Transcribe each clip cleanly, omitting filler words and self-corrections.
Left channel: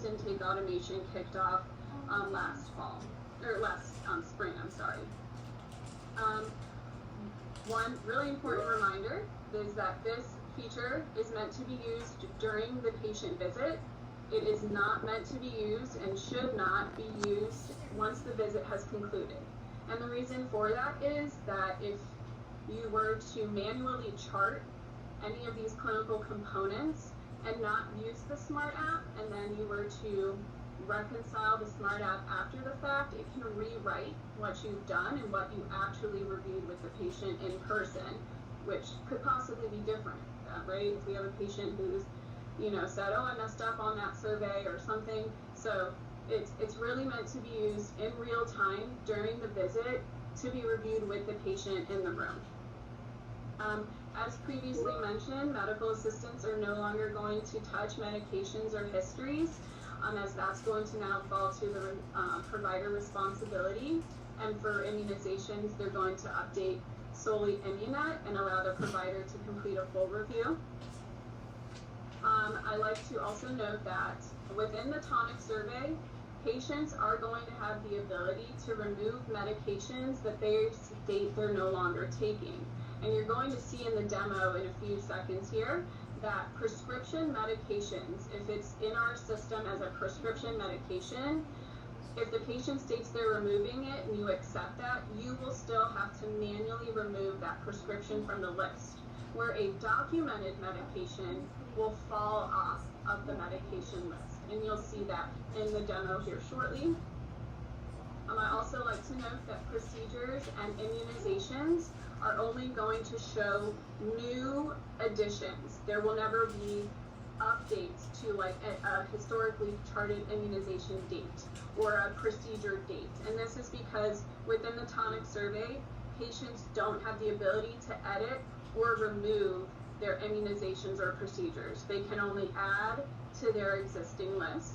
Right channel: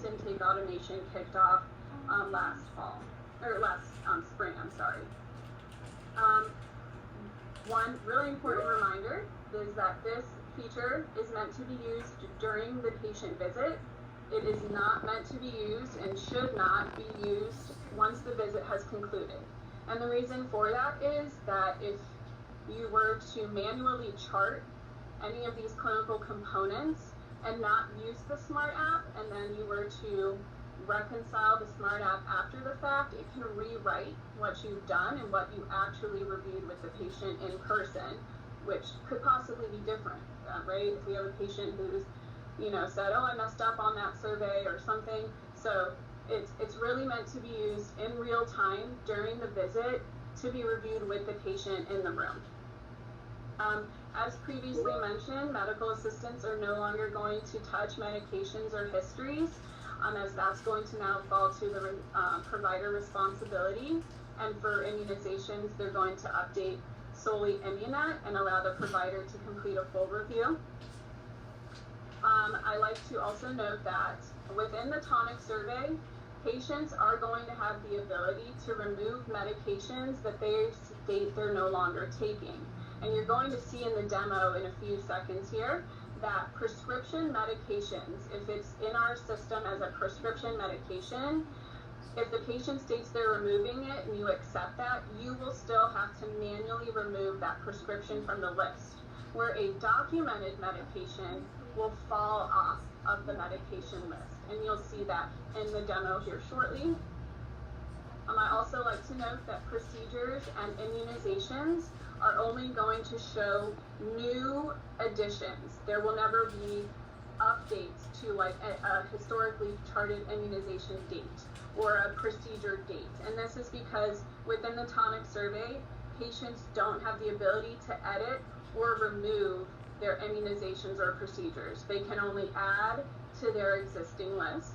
since intake automation kicked off last spring, I'm sorry. One really important reminder is that this feature is meant to be used during the patient visit. It is not meant to be used and should not be used once the visit has concluded. And the reason for that is that if you were to manually chart any of these clinical components and not use the Smart app, and then you were to reconcile the Smart app after the fact, it can rewrite what you've done and what you actually reviewed with the patient in person, which could possibly be different, right? If we have a patient who's, said, oh, I messed up on that survey or something. So it's really meant to be used in real time during the visit to be reviewed with the patient in the room. As previously mentioned, medical assistants are no longer going to touch medications or histories, as that's going to now fall to the provider responsibility. And for immunizations, they're going to update solely Immunet and allow the provider to complete a full review. I like to also note that within the Tonic survey, patients are going to have the ability to remove medications that they state they're no longer taking. And you're going to see in the demo in a few seconds here that prescription medications, if it's in our system as a prescription medication, if the patient states they're removing it and you accept that, you will still have to manually remove that prescription from the list, where a documented medication will fall off of the medication list. And you'll see that in the demo here shortly. I also like to note that procedures and immunizations are only going to show new additions. There will never be updates to like a historically charted immunization date or a procedure date. And this is because within the Tonic survey, patients don't have the ability to edit or remove their immunizations or procedures. They can only add to their existing list.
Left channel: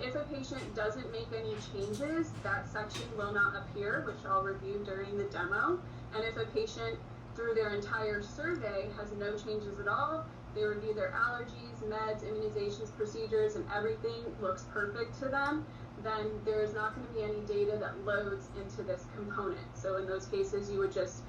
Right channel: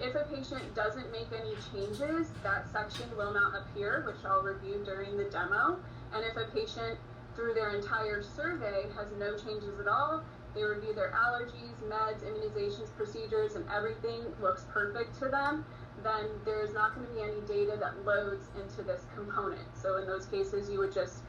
If a patient doesn't make any changes, that section will not appear, which I'll review during the demo. And if a patient, through their entire survey, has no changes at all, they review their allergies, meds, immunizations, procedures, and everything looks perfect to them, then there is not going to be any data that loads into this component. So in those cases, you would just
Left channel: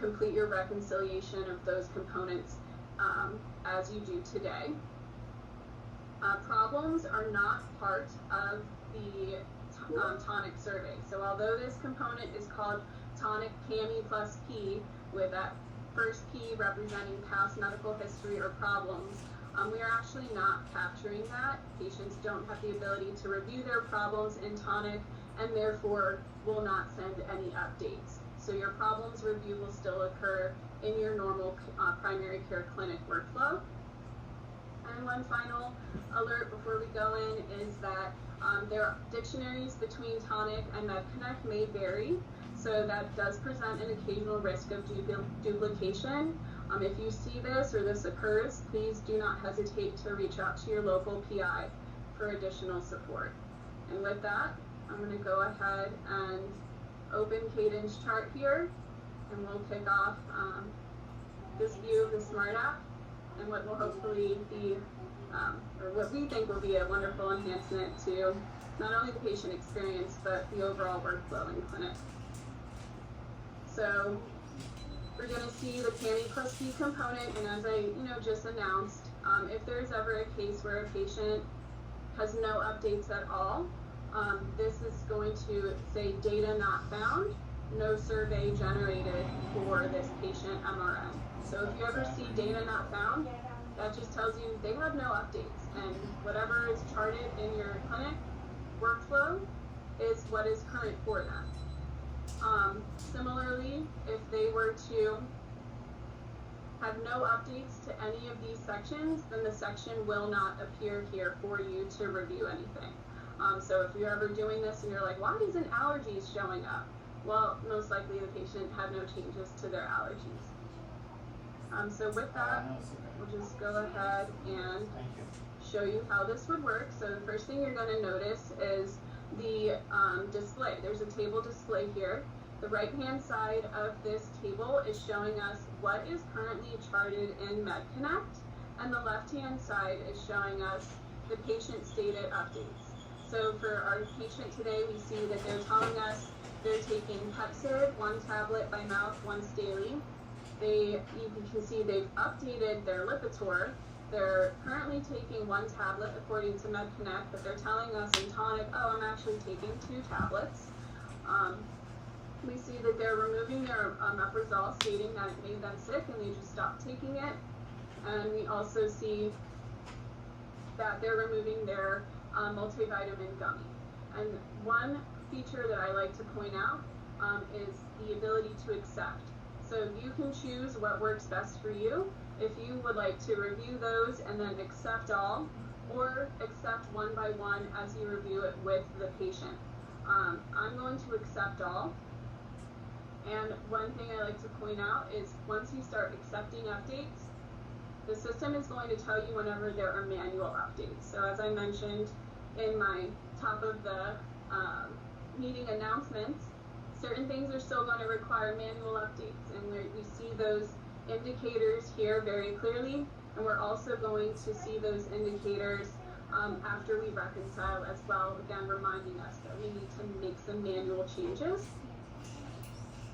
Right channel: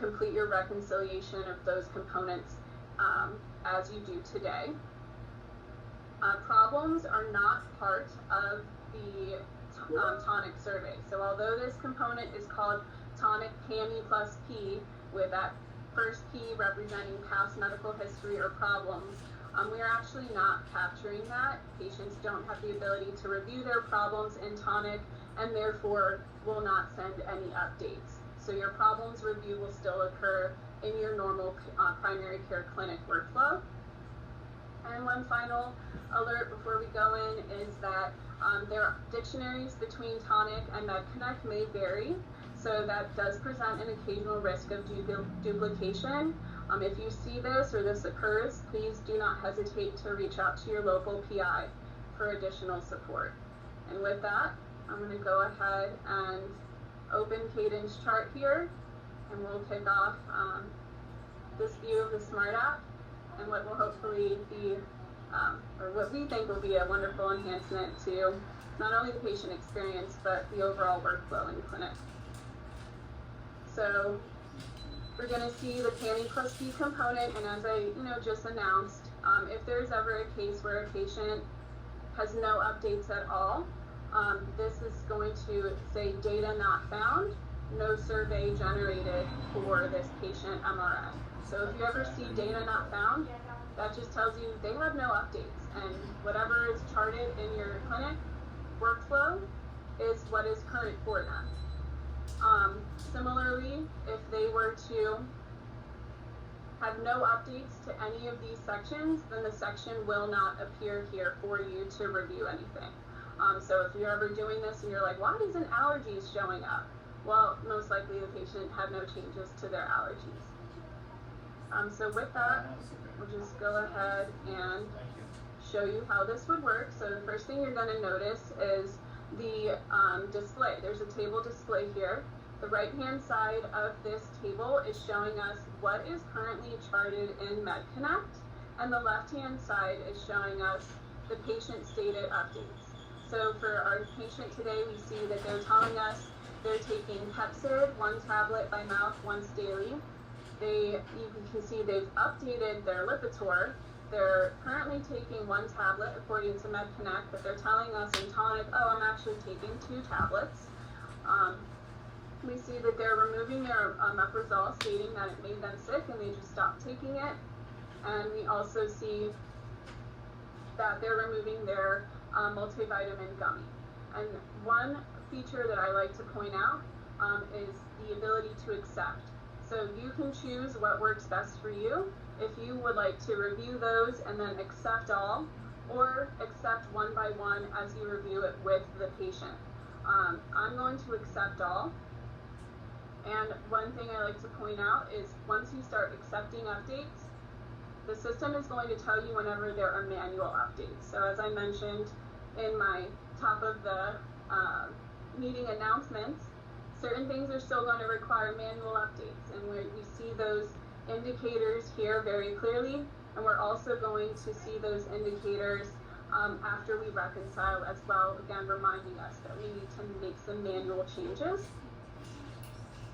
complete your reconciliation of those components as you do today. Problems are not part of the Tonic survey. So although this component is called Tonic PAMI+P, with that first P representing past medical history or problems, we are actually not capturing that. Patients don't have the ability to review their problems in Tonic and therefore will not send any updates. So your problems review will still occur in your normal primary care clinic workflow. And one final alert before we go in is that there are dictionaries between Tonic and MedConnect may vary, so that does present an occasional risk of duplication. If you see this or this occurs, please do not hesitate to reach out to your local PI for additional support. And with that, I'm going to go ahead and open Cadence chart here, and we'll kick off this view of the Smart app and what will hopefully be, or what we think will be a wonderful enhancement to not only the patient experience, but the overall workflow in clinic. So we're going to see the PAMI+P component, and as I just announced, if there's ever a case where a patient has no updates at all, this is going to say data not found, no survey generated for this patient MRM. So if you ever see data not found, that just tells you they have no updates, and whatever is charted in your clinic workflow is what is current for them. Similarly, if they were to have no updates to any of these sections, then the section will not appear here for you to review anything. So if you're ever doing this and you're like, why isn't allergies showing up? Well, most likely the patient had no changes to their allergies. So with that, we'll just go ahead and show you how this would work. So the first thing you're going to notice is the display. There's a table display here. The right-hand side of this table is showing us what is currently charted in MedConnect, and the left-hand side is showing us the patient-stated updates. So for our patient today, we see that they're telling us they're taking Pepcid, 1 tablet by mouth once daily. You can see they've updated their Lipitor. They're currently taking 1 tablet according to MedConnect, but they're telling us in Tonic, oh, I'm actually taking 2 tablets. We see that they're removing their omeprazole, stating that it made them sick and they just stopped taking it. And we also see that they're removing their multivitamin gummy. And one feature that I like to point out is the ability to accept. So you can choose what works best for you. If you would like to review those and then accept all, or accept one by one as you review it with the patient. I'm going to accept all. And one thing I like to point out is once you start accepting updates, the system is going to tell you whenever there are manual updates. So as I mentioned in my top of the meeting announcements, certain things are still going to require manual updates, and we see those indicators here very clearly, and we're also going to see those indicators after we reconcile as well, again reminding us that we need to make some manual changes.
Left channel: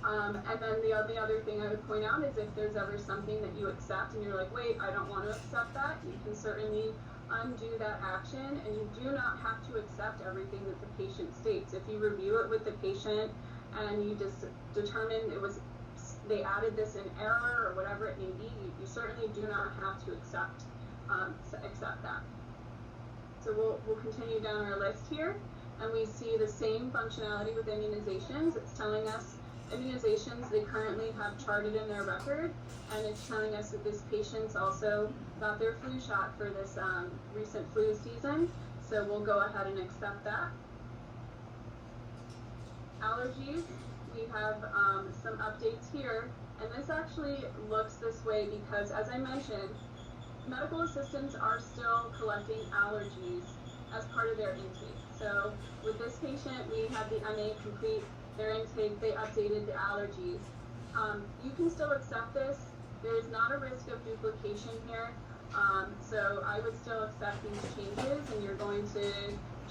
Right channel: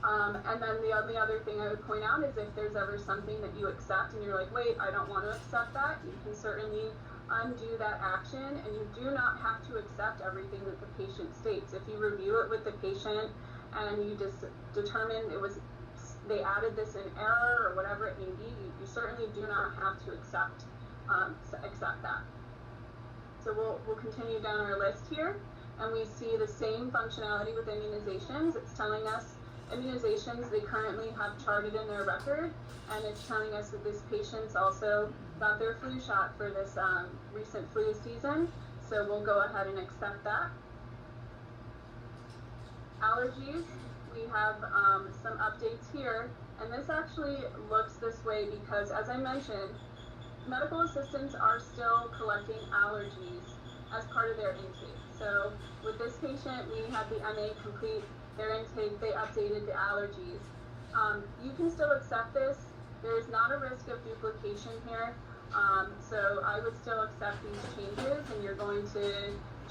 And then the other thing I would point out is if there's ever something that you accept and you're like, wait, I don't want to accept that, you can certainly undo that action, and you do not have to accept everything that the patient states. If you review it with the patient and you just determine they added this in error or whatever it may be, you certainly do not have to accept that. So we'll continue down our list here, and we see the same functionality with immunizations. It's telling us immunizations they currently have charted in their record, and it's telling us that this patient's also got their flu shot for this recent flu season, so we'll go ahead and accept that. Allergies, we have some updates here, and this actually looks this way because, as I mentioned, medical assistants are still collecting allergies as part of their intake. So with this patient, we had the MA complete their intake, they updated the allergies. You can still accept this. There's not a risk of duplication here. So I would still accept these changes, and you're going to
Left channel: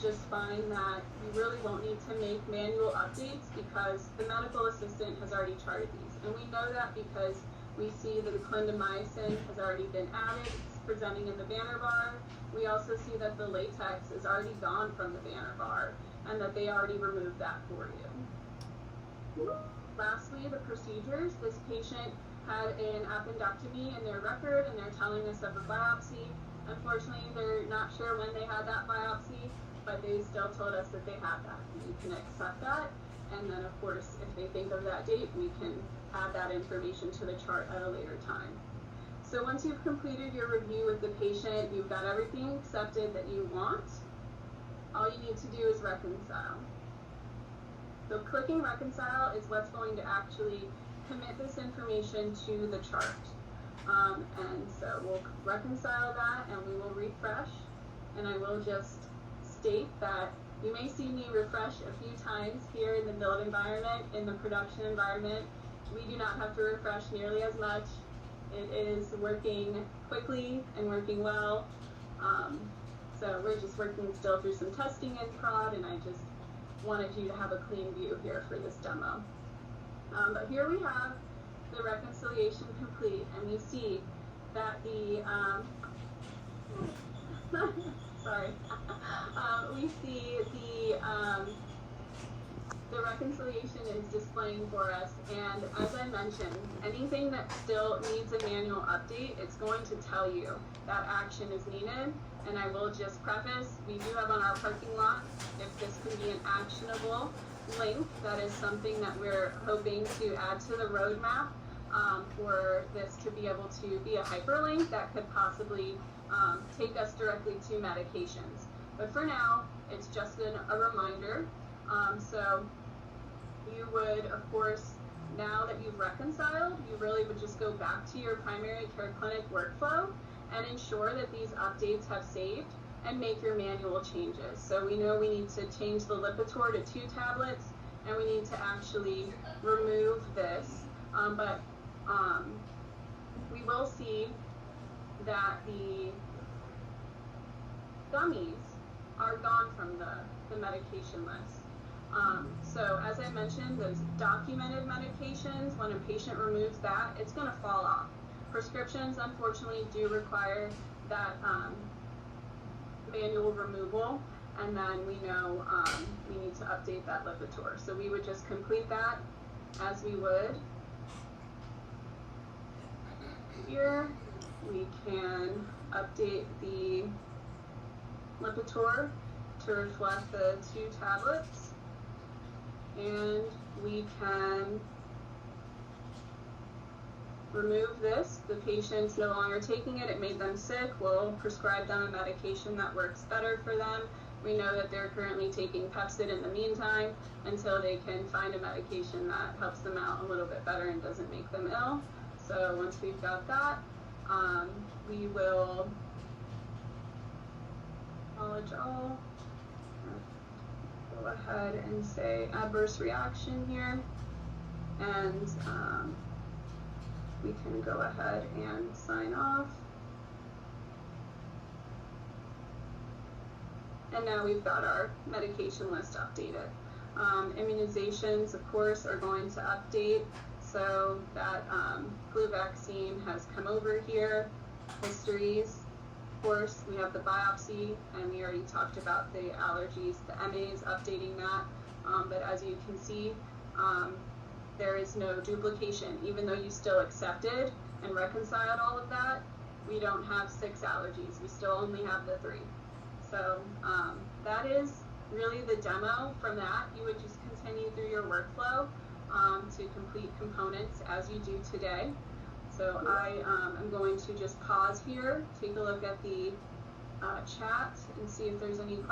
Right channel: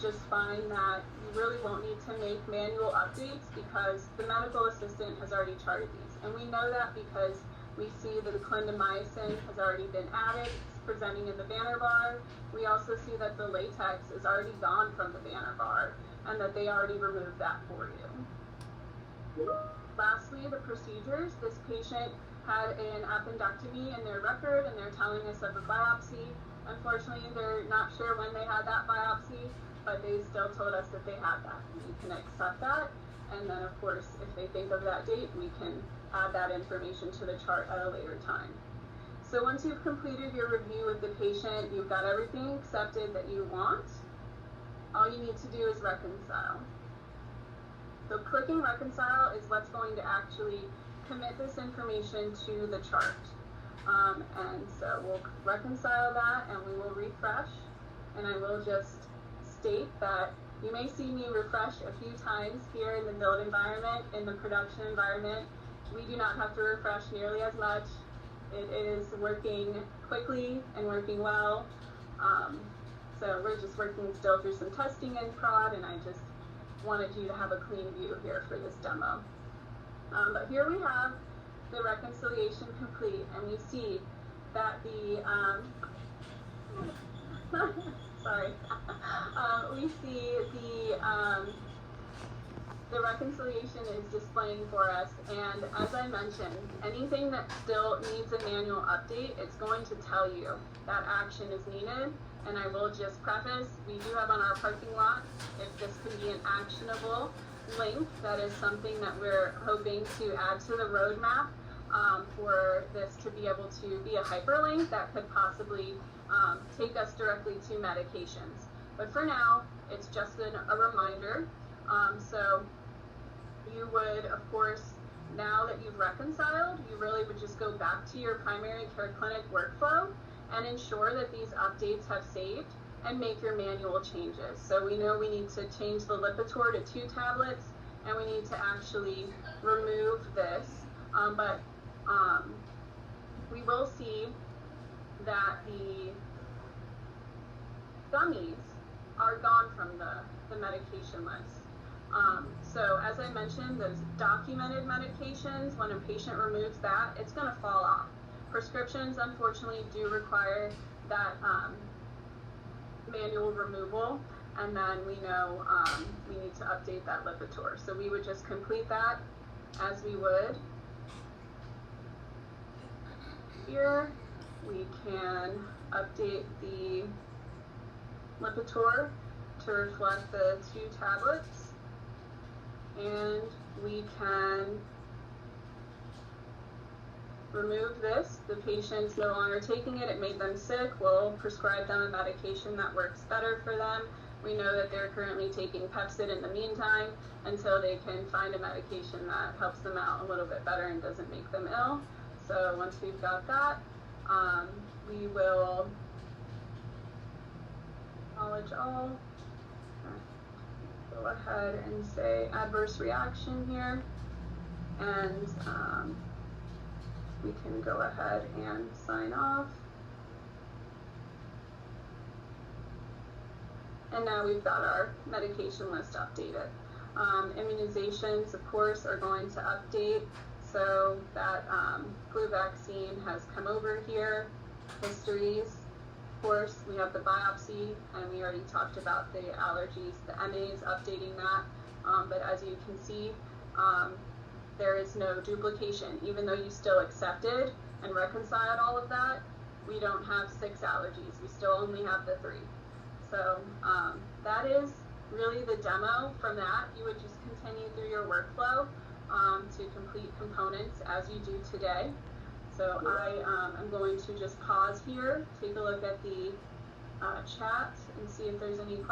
just find that you really won't need to make manual updates because the medical assistant has already charted these. And we know that because we see that the clindamycin has already been added, it's presenting in the banner bar. We also see that the latex is already gone from the banner bar and that they already removed that for you. Lastly, the procedures. This patient had an appendectomy in their record and they're telling us of a biopsy. Unfortunately, they're not sure when they had that biopsy, but they still told us that they had that. We can accept that, and then of course, if they think of that date, we can add that information to the chart at a later time. So once you've completed your review with the patient, you've got everything accepted that you want, all you need to do is reconcile. So clicking reconcile is what's going to actually commit this information to the chart. And so we'll reconcile that and we will refresh, and I will just state that you may see me refresh a few times here in the build environment. In the production environment, we do not have to refresh nearly as much. It is working quickly and working well. So we're just working still through some testing in prod, and I just wanted you to have a clean view here for this demo. But here we have the reconciliation complete, and we see that the sorry, we see the reconciliation is displaying for us, and as I mentioned, anything that still needs a manual update, it's going to tell you that action is needed. And I will just preface, we do have on our parking lot, if this can be an actionable link, that is something that we're hoping to add to the roadmap for this to be able to be a hyperlink that could possibly take us directly to medications. But for now, it's just a reminder. So you would, of course, now that you've reconciled, you really would just go back to your primary care clinic workflow and ensure that these updates have saved and make your manual changes. So we know we need to change the Lipitor to 2 tablets, and we need to actually remove this. But we will see that gummies are gone from the medication list. So as I mentioned, those documented medications, when a patient removes that, it's going to fall off. Prescriptions, unfortunately, do require that manual removal, and then we know we need to update that Lipitor. So we would just complete that as we would. Here we can update the Lipitor to reflect the 2 tablets, and we can remove this. The patient's no longer taking it, it made them sick, we'll prescribe them a medication that works better for them. We know that they're currently taking Pepcid in the meantime until they can find a medication that helps them out a little bit better and doesn't make them ill. So once we've got that, we will acknowledge all. Go ahead and say adverse reaction here, and we can go ahead and sign off. And now we've got our medication list updated. Immunizations, of course, are going to update. So that flu vaccine has come over here. Histories, of course, we have the biopsy, and we already talked about the allergies, the MAs, updating that. But as you can see, there is no duplication. Even though you still accepted and reconciled all of that, we don't have 6 allergies. We still only have the 3. So that is really the demo. From that, you would just continue through your workflow to complete components as you do today. So I am going to just pause here, take a look at the chat, and see if there's any questions.